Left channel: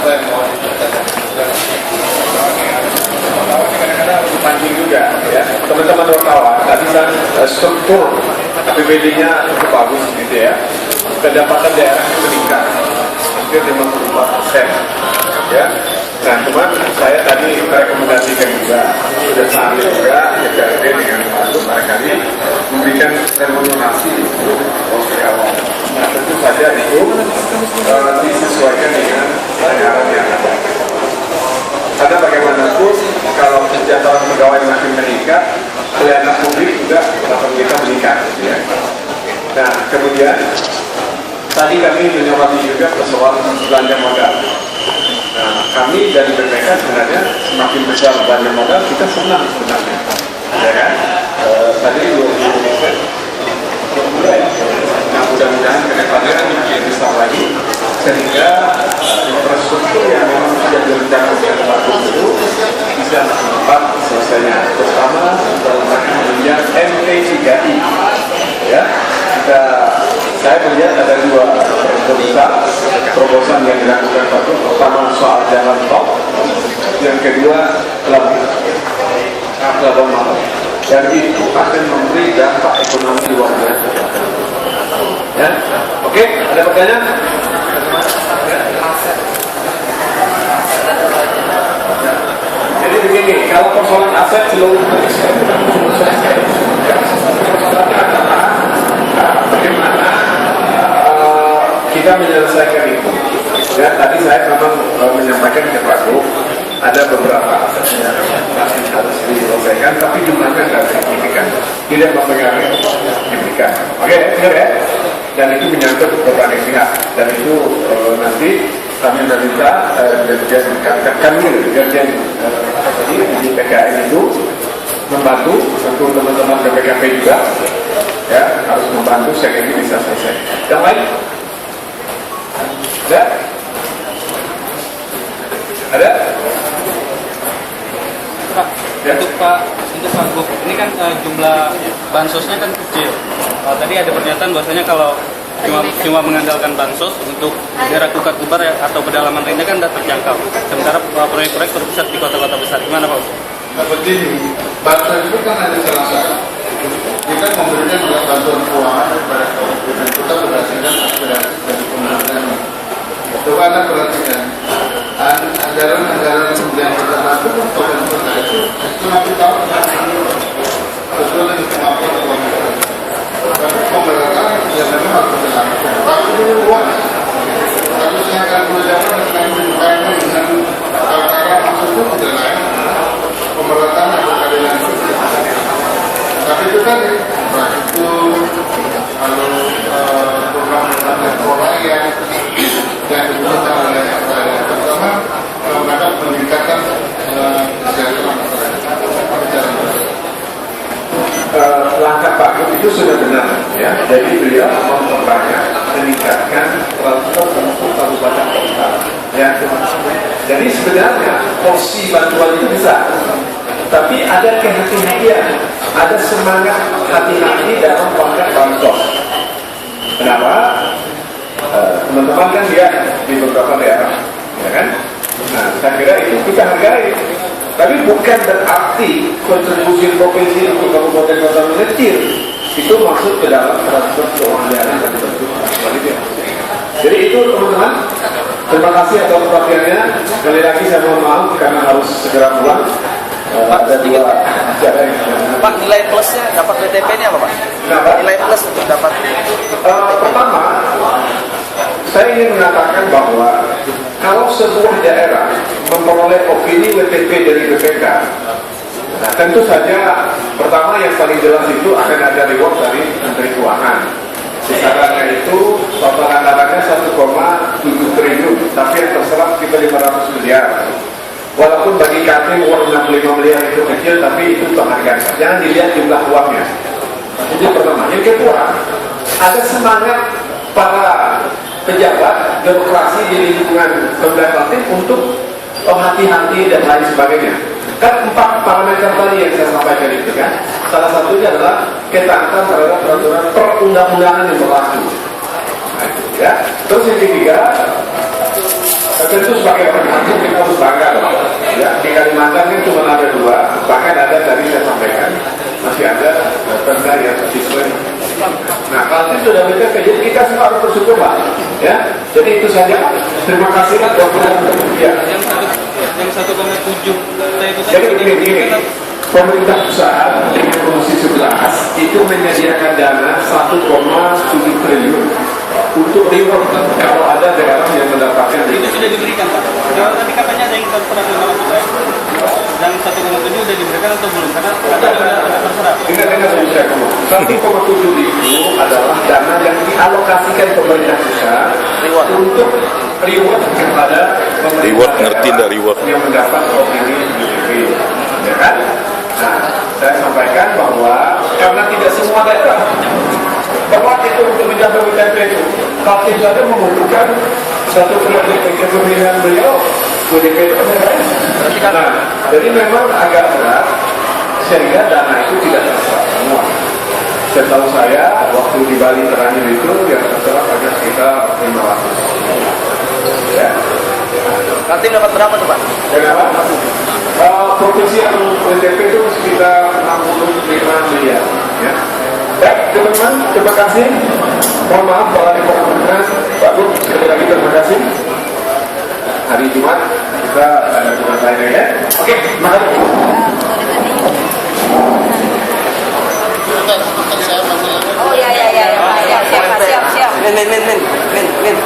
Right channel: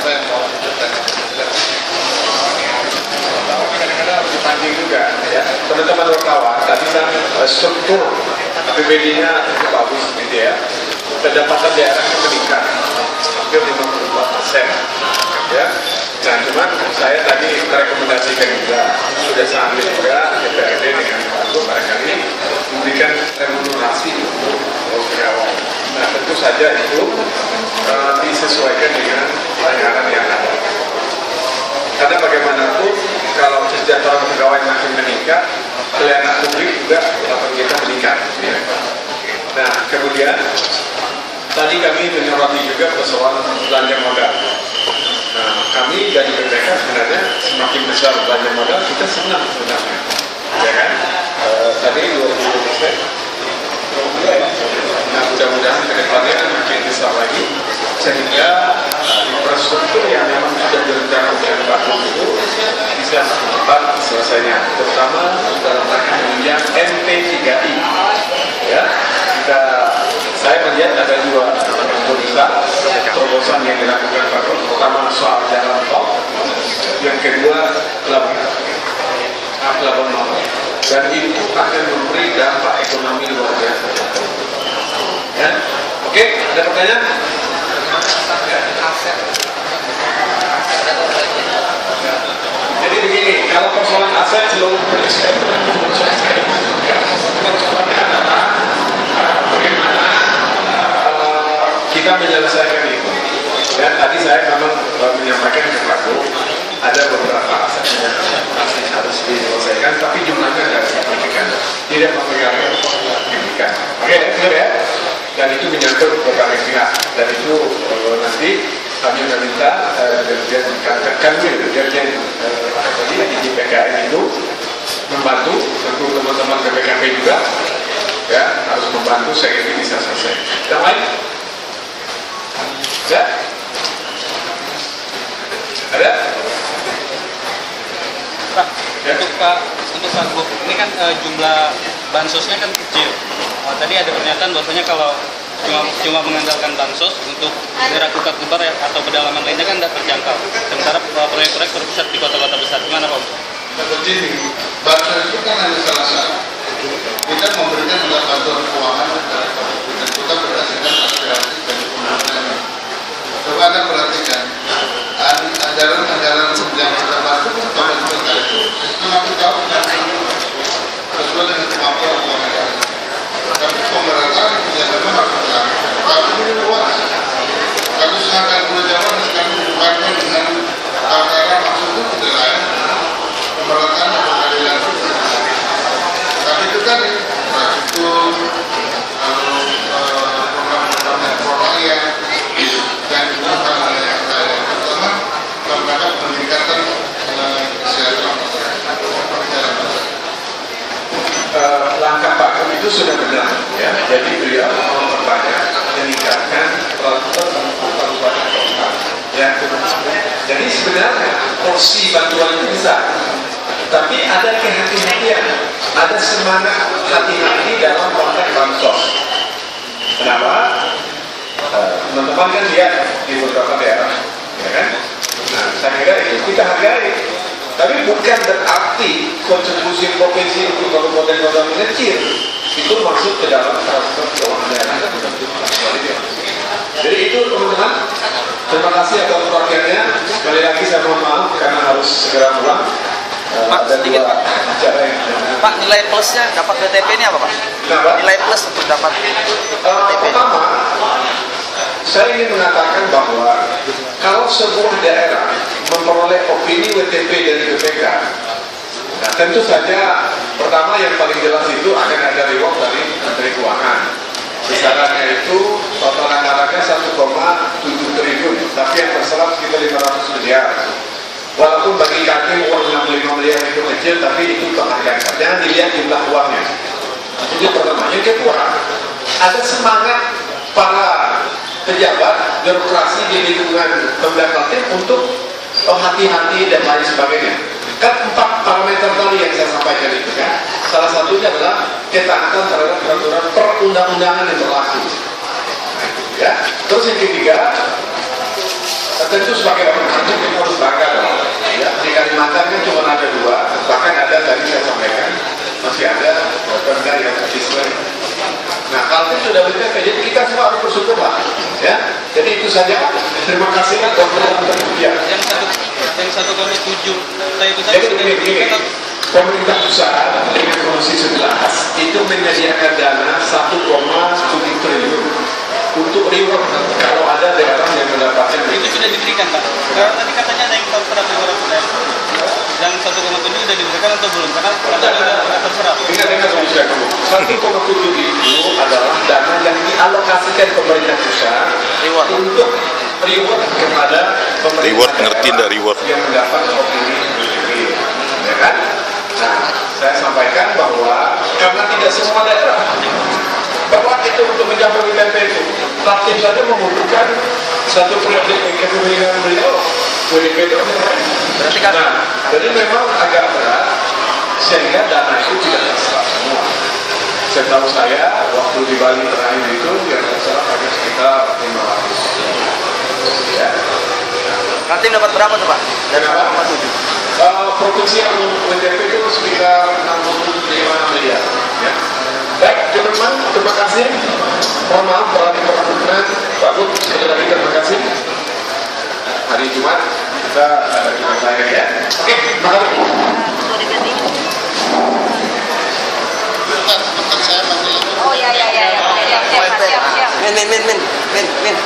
apa yang mau diceritakan? Kadang-kadang dipancing juga ya. Teman-teman wartawan tadi kan struktur APBD-nya cukup bagus gitu ya. Pendapatan daerah meningkat hampir 54% ya. Nah, cuman saya tadi merekomendasikan juga sudah saatnya juga DPRD dengan untuk barangkali memberikan remunerasi untuk karyawan. Nah, tentu saja itu disesuaikan dengan anggaran yang ada. Karena bagaimanapun kalau kesejahteraan pegawai makin meningkat, pelayanan publik juga akan kita meningkat, gitu ya. Nah, kemudian tadi kami menyoroti juga persoalan belanja modal. Nah, kami dari BPK sebenarnya semakin besar belanja modal kita senang sebenarnya, ya kan? Tadi 20%. Nah, mudah-mudahan ke depannya makin besar lagi sehingga infrastruktur yang memang sudah direncanakan oleh Pak Gubernur bisa cepat selesainya, terutama dalam rangka menunjang NP3I. Ya, saya melihat ada dua terobosan yang dilakukan Pak Gubernur. Pertama soal jalan tol, yang kedua pelabuhan mahal, dan itu akan memberi dampak ekonomi luar biasa. Ya, oke, ada pertanyaan? Aset dan belanja. Jadi begini, kalau persoalan aset seluruh kita menyelesaikan itu. Ya, tadi saya memang menyampaikan ke Pak Gub, ada beberapa aset yang masih harus diselesaikan, tapi jumlahnya tidak signifikan, tidak mempengaruhi signifikan. Oke, clear ya? Dan itu menyangkut berbagai pihak, dan itu nanti kami meminta Dirjen Kanwil, Dirjen di PKN itu membantu, tentu teman-teman BPKP juga ya harus membantu sehingga ini bisa selesai. Yang lain? Ada? Ada? Pak, Ya. untuk Pak Gub, ini kan jumlah bansosnya kan kecil. Tadi ada pernyataan bahwasanya kalau cuma mengandalkan bansos untuk daerah kukat lebar atau pedalaman lainnya kan tidak terjangkau. Sementara proyek-proyek terpusat di kota-kota besar. Gimana Pak? Nah, begini, bantuan itu kan hanya salah satu. Kita memberikan adalah bantuan keuangan kepada kabupaten kota berdasarkan aspirasi dari pemerintah. Coba Anda perhatikan, anggaran-anggaran yang kita bantu kabupaten kota itu satu tahun sesuai dengan kemampuan uang negara. Tapi pemerataan yang memang harus dilakukan. Waktu dulu uang, satu setengah kali perjalanan sekarang dibuatkan dengan tataran maksudnya tidak lain pemerataan yang berkeadilan sosial. Tapi itu kan infrastruktur, lalu program-program metro rakyat yang dibutuhkan oleh rakyat, terutama dalam rangka peningkatan kesejahteraan masyarakat secara besar. Langkah Pak Gub itu sudah benar ya. Jadi beliau memperbanyak meningkatkan peralatan untuk kabupaten kota. Ya. Jadi sebenarnya porsi bantuan itu besar, tapi ada kehati-hatian, ada semangat hati-hati dalam konteks bansos. Kenapa? Teman-teman kan lihat di beberapa daerah, ya kan? Nah, saya kira itu kita hargai. Tapi bukan berarti kontribusi provinsi untuk kabupaten kota mengecil itu masuk ke dalam transfer keuangan daerah dan transfer kualitas. Jadi itu teman-teman, terima kasih atas perhatiannya. Sekali lagi saya mohon maaf karena harus segera pulang. Pak, ada dua acara yang Pak, nilai plusnya dapat BTP ini apa Pak? Kenapa? Nilai plus untuk dapat Pertama, saya ingin mengatakan bahwa kalau sebuah daerah memperoleh opini WTP dari BPK, nah tentu saja pertama yang paling jelas itu akan ada reward dari Menteri Keuangan. Besarannya itu total anggarannya 1,7 triliun, tapi yang terserap sekitar 500 miliar. Walaupun bagi kami uang 65 miliar itu kecil, tapi itu penghargaan. Jangan dilihat jumlah uangnya. Itu pertama. Yang kedua, ada semangat para pejabat birokrasi di lingkungan Pemda Kaltim untuk hati-hati dan lain sebagainya. Kan 4 parameter tadi yang saya sampaikan itu kan. Salah satunya adalah ketaatan terhadap peraturan perundang-undangan yang berlaku. Nah, ya. Terus yang ketiga, tentu sebagai orang Lampung kita harus bangga loh. Ya, di Kalimantan kan cuma ada 2, bahkan ada tadi saya sampaikan masih ada Pemda yang siswa. Nah, Kaltim sudah BTP, jadi kita semua harus bersyukur lah. Ya, jadi itu saja. Terima kasih. Ya. Yang 1,7 juta itu tadi Jadi sudah begini, diberikan. pemerintah pusat dengan Komisi 11 itu menyediakan dana 1,7 triliun untuk reward kalau ada daerah yang mendapatkan Itu sudah diberikan, Pak. Kalau tadi katanya ada yang terserap 500. Yang 1,7 sudah diberikan atau belum? Karena sudah terserap. Ingat dulu saya ngomong, 1,7 itu adalah dana yang dialokasikan pemerintah pusat untuk reward kepada pemerintah daerah yang mendapat opini BPP, ya kan? Nah, saya sampaikan bahwa karena tidak semua daerah berhak itu untuk mencapai BPP itu, Kaltim saja membutuhkan satu periode kepemimpinan beliau BPP itu. Nah, jadi memang agak berat sehingga dana itu tidak terserap semua. Setahu saya waktu di Bali terakhir itu yang terserap hanya sekitar 500. Ya. Kaltim dapat berapa tuh Pak? Dari Berapa? 1,7. Provinsi yang BTP itu sekitar 65 miliar. Ya. Baik, teman-teman, terima kasih. Mohon maaf kalau ada kekurangan. Pak Gub, sekali lagi terima kasih. Hari Jumat kita lain ya. Oke, terima kasih. Oh ya. Siap. Min.